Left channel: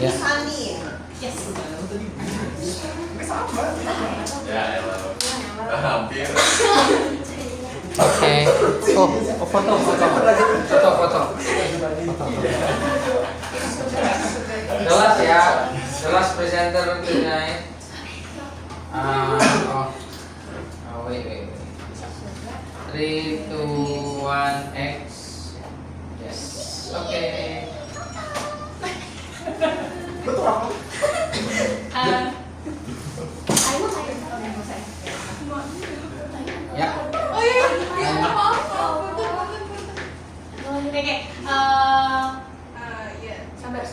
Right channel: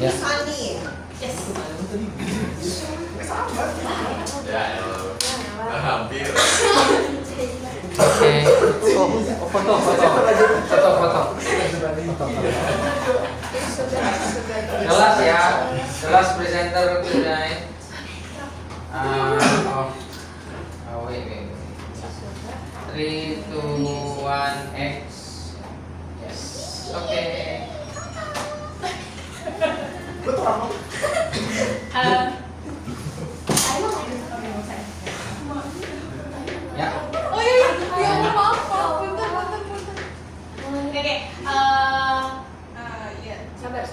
Yes. Sunny. Yes. Ya, hampir. Oke. Foto. Jelas ya. Jelas presenter tonight. Wait. 3, 2, 1, X. Yes. Oke. Ya. Oh iya, maaf. Oke. Sabar.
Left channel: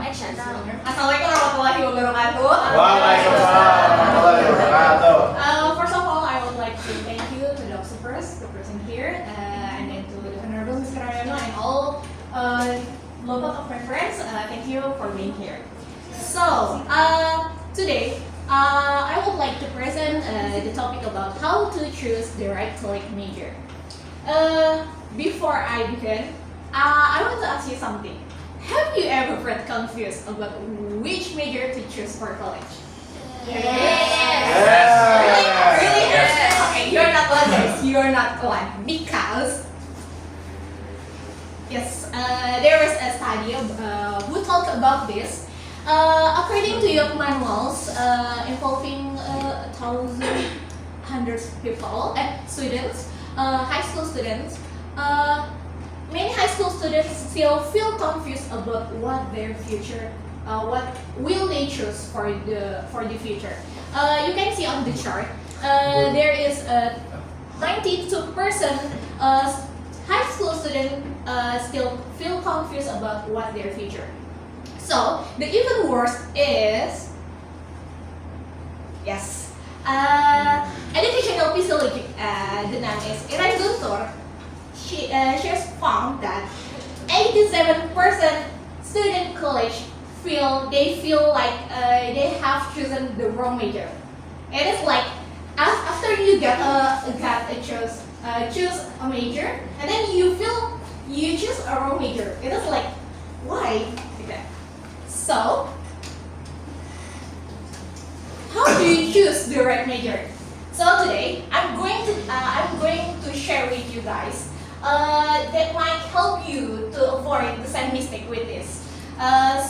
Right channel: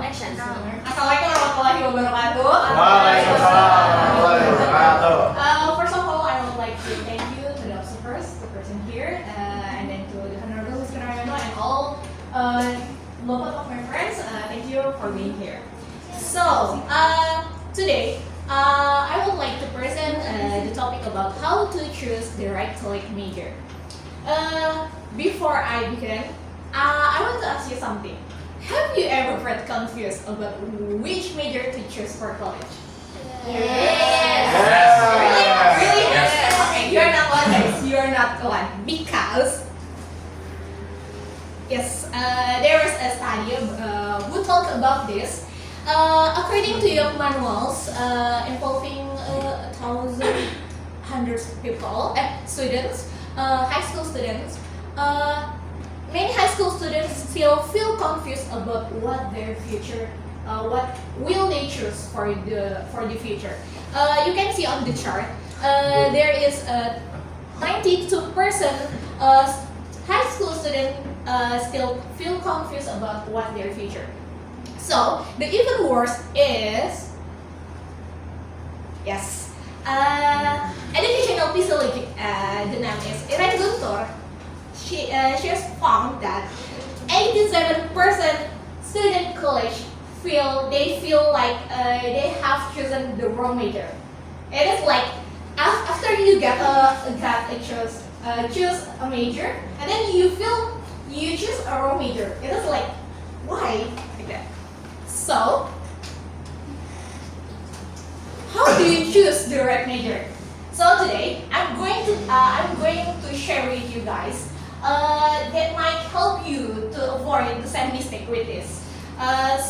Action. Now. Assalamualaikum warahmatullahi wabarakatuh. Waalaikumsalam warahmatullahi wabarakatuh. First of all, I would like to thank you to the observers, the person here, and then to the Honorable Mr. Rayono and all local of my friends. Thank you for being here. So, today, I would like to present the topic about how to choose the right college major. Before I begin, I want to ask you something. Have you ever felt confused about which major to choose for college? Really? Yes. Okay, you're not one, guys. You're not one because yes, there is a study who talk about this. According to your manuals, involving 1,100 people, students, high school students. Many high school students still feel confused about what their future, what will they choose for the future. You can see on the chart, there is a 92% high school student still feel confused about what their future. So the even worse is yes, educational physiology. The name is Irene Guntur. She has found that 87% student college feel like they have chosen the wrong major. It is like after you choose a major and then you feel you choose a wrong major. It is like why like that? So how do you choose the right major? So today I'm going to share with you guys that might help you to avoid the same mistake with this.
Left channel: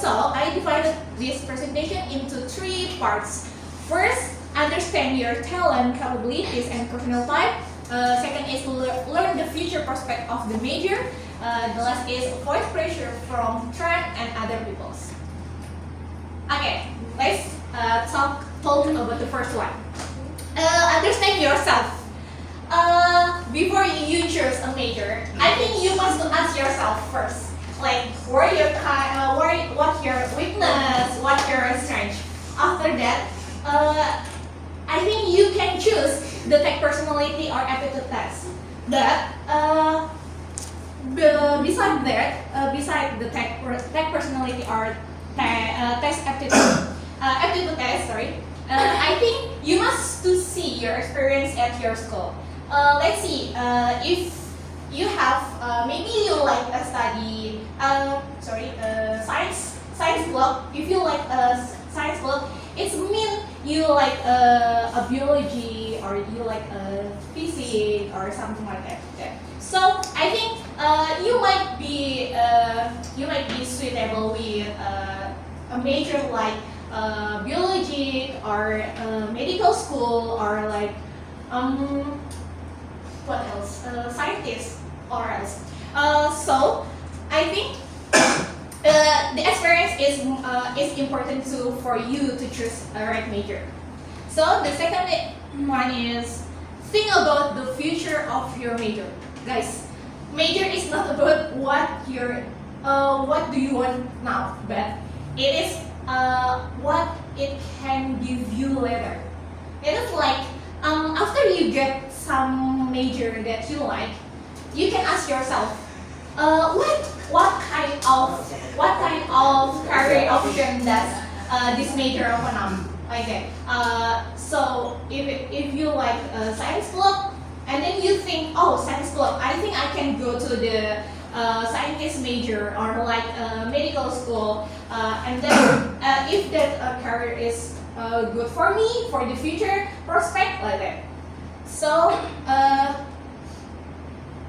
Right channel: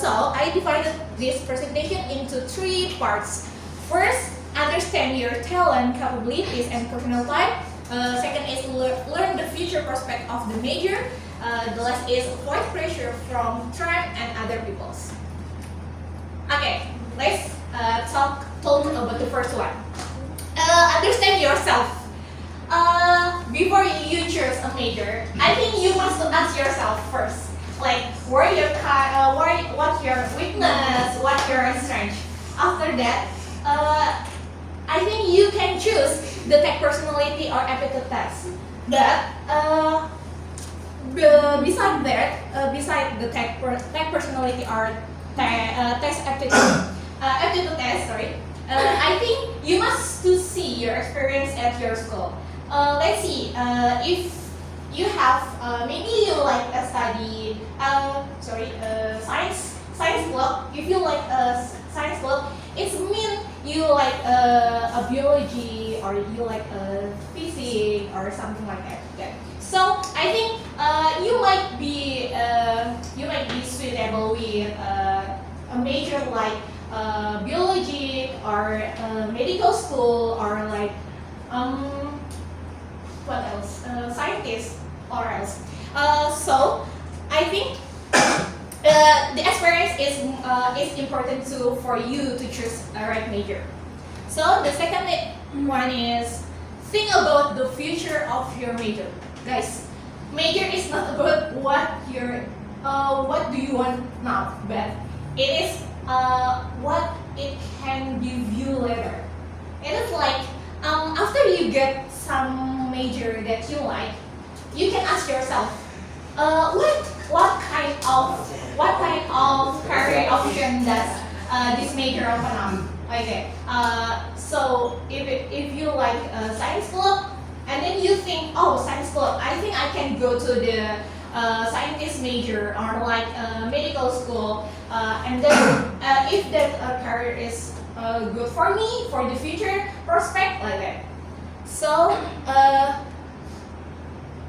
So I divided this presentation into 3 parts. First, understand your talent, capabilities, and personal type. Second is learn the future prospect of the major. The last is avoid pressure from trend and other people's. Okay, let's talk about the first one. Understand yourself. Before you choose a major, I think you must ask yourself first, like what your weakness, what your strength. After that, I think you can choose the tech personality or aptitude test. But beside the tech personality or test aptitude test, sorry. I think you must to see your experience at your school. Let's see, if you have maybe you like a study science club. If you like a science club, it means you like a biology or you like a physics or something like that. So I think you might be suitable with a major like biology or medical school or like what else? Scientist or else. So I think the experience is important too for you to choose a right major. So the second one is think about the future of your major, guys. Major is not about what do you want now, but it is what it can give you later. It is like after you get some major that you like, you can ask yourself, what kind of career option does this major open up? Okay, so if you like science club, and then you think, oh, science club, I think I can go to the scientist major or like medical school, and then if that career is good for me for the future prospect like that. So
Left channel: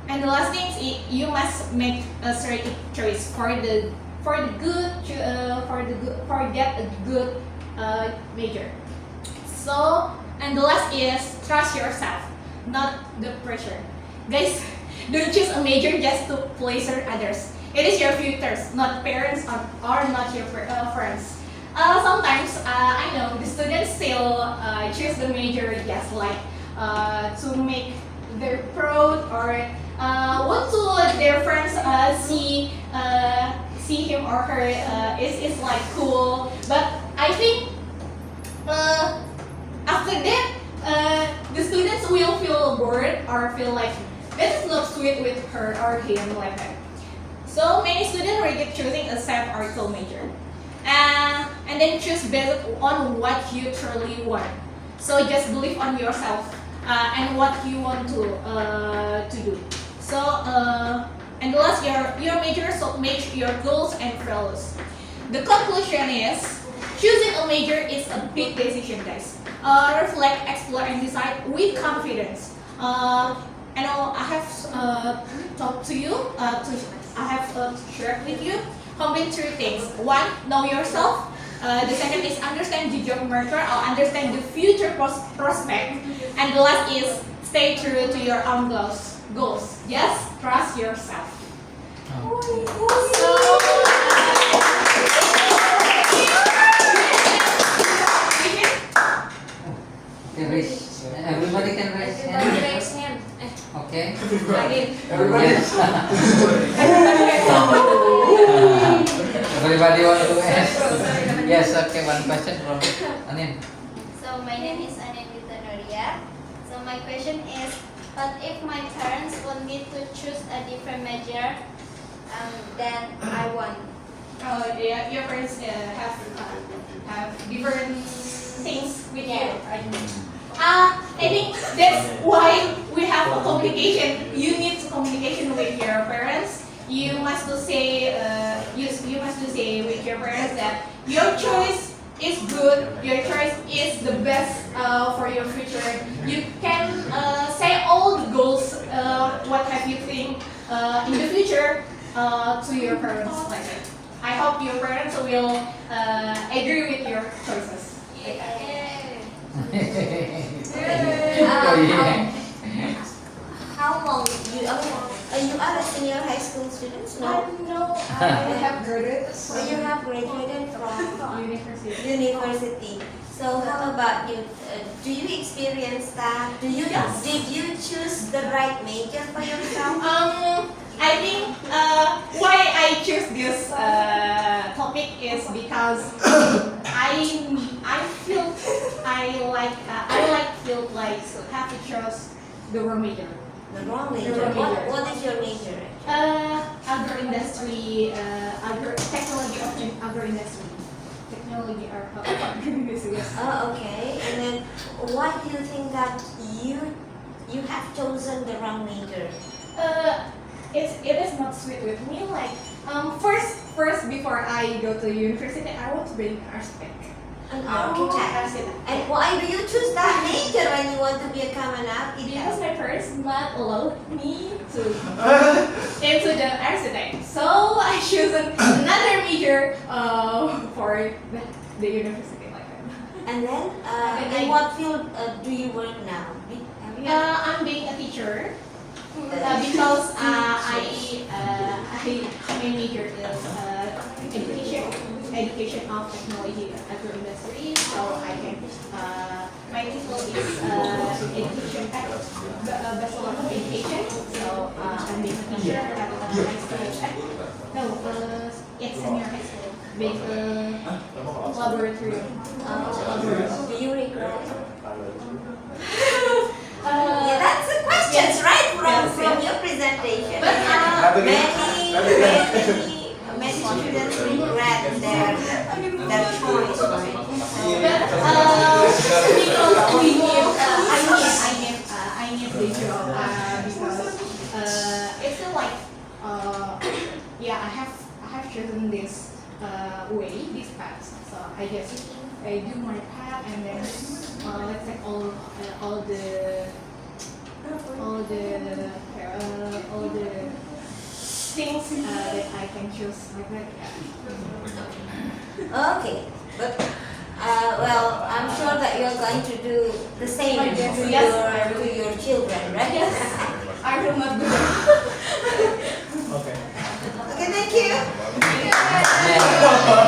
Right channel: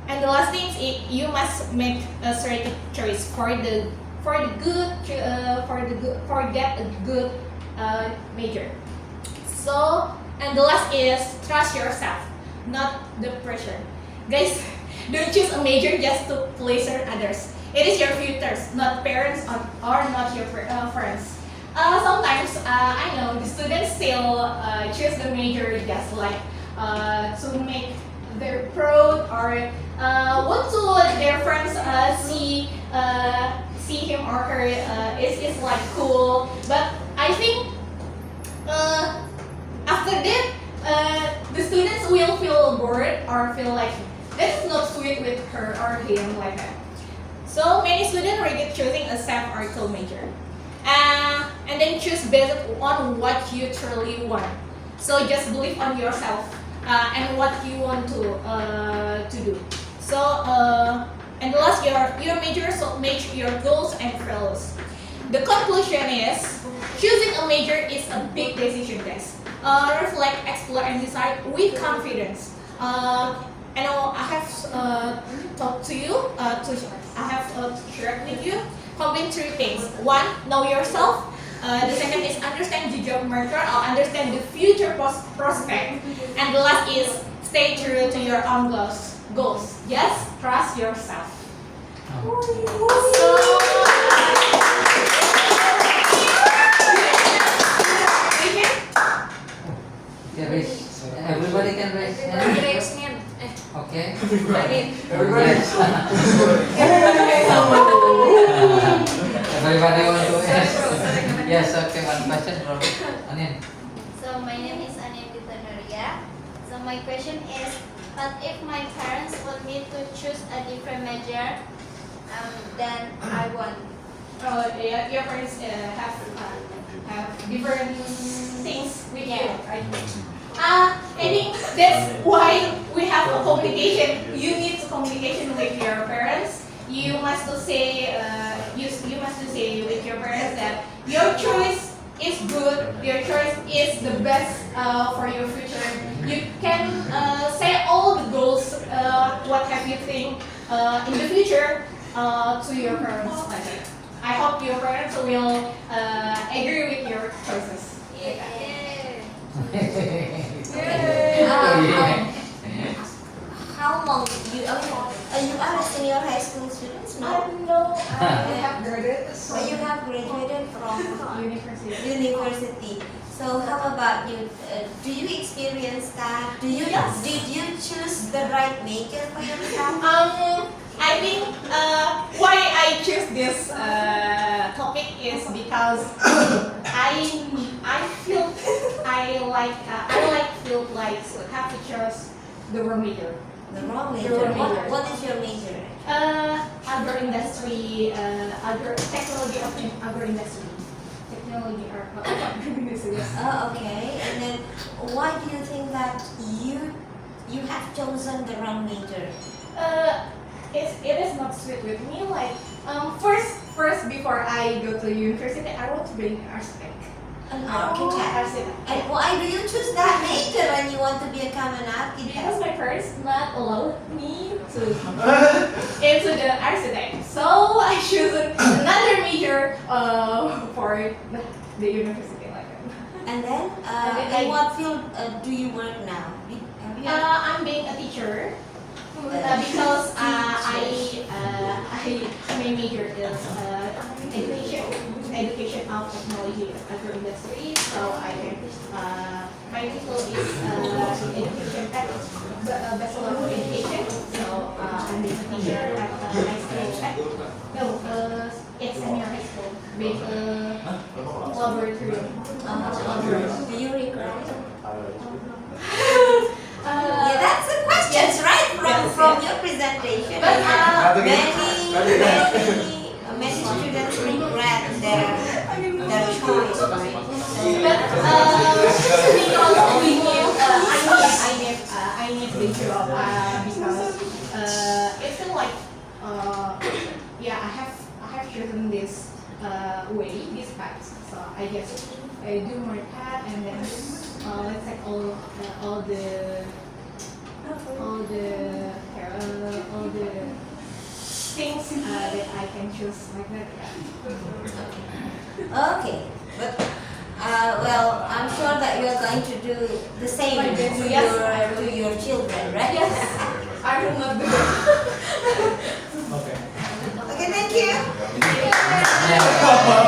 and the last thing is you must make a strategic choice for get a good major. So and the last is trust yourself, not the pressure. Guys, don't choose a major just to please others. It is your future, not parents or not your friends. Sometimes I know the students still choose the major just like to make their proud or want to let their friends see him or her is like cool. But I think after that the students will feel bored or feel like that's not sweet with her or him like that. So many students regret choosing a STEM or tool major. And then choose based on what you truly want. So just believe on yourself and what you want to do. So and the last your major so match your goals and values. The conclusion is choosing a major is a big decision, guys. Reflect, explore, and decide with confidence. And I have talked to you. I have shared with you. Combine three things. One, know yourself. The second is understand the job market or understand the future prospect. And the last is stay true to your own goals. Yes, trust yourself. Yeah, raise. Everybody can raise Everybody hand. raise hand. Okay. Everybody. Everybody want to ask? Yes. Okay. One question from Anin. So my name is Anin Vitanoria. So my question is, what if my parents want me to choose a different major than I want? Yeah, your parents have different things with you, right? I think that's why we have a communication. You need to communication with your parents. You must to say, you must to say with your parents that your choice is good. Your choice is the best for your future. You can say all the goals. What have you think in the future to your parents? Like that. I hope your parents will agree with your choices. How long you are a senior high school student? No. No, I have graduated So you have graduated from university. university. So how about you? Do you experience that? Yes. Did you choose the right major for yourself? I think why I choose this topic is because I feel feel like have to choose the wrong major. The wrong major. The wrong major. What is your major? Agro industry, technology of agro industry, technology or agro industry. Yes. Oh, okay. And then why do you think that you have chosen the wrong major? It is not sweet with me. Like first before I go to university, I want to be an architect. An architect. And why do you choose that major when you want to become an Because architect? my parents not allow me to into the architect, so I choose another major for the university like that. And then, in what field do you work now? Have you I'm being a teacher because my major is education of technology agro industry. So I can my field is education bachelor of education. So I'm being a teacher at high school. No, it's senior high school. Being laboratory. do you regret? Uh, Yeah, that's the questions, right? From your presentation. But, Many students regret their choice, right? But because I need the job because it's still like chosen this way, this path. So I just I do my path and then let's say all the things that I can choose like that. Okay, but well, I'm sure that you're going to do the same Like that, to yes. your children, right? Yes, I will not do that. Okay. Okay, thank you. Yeah.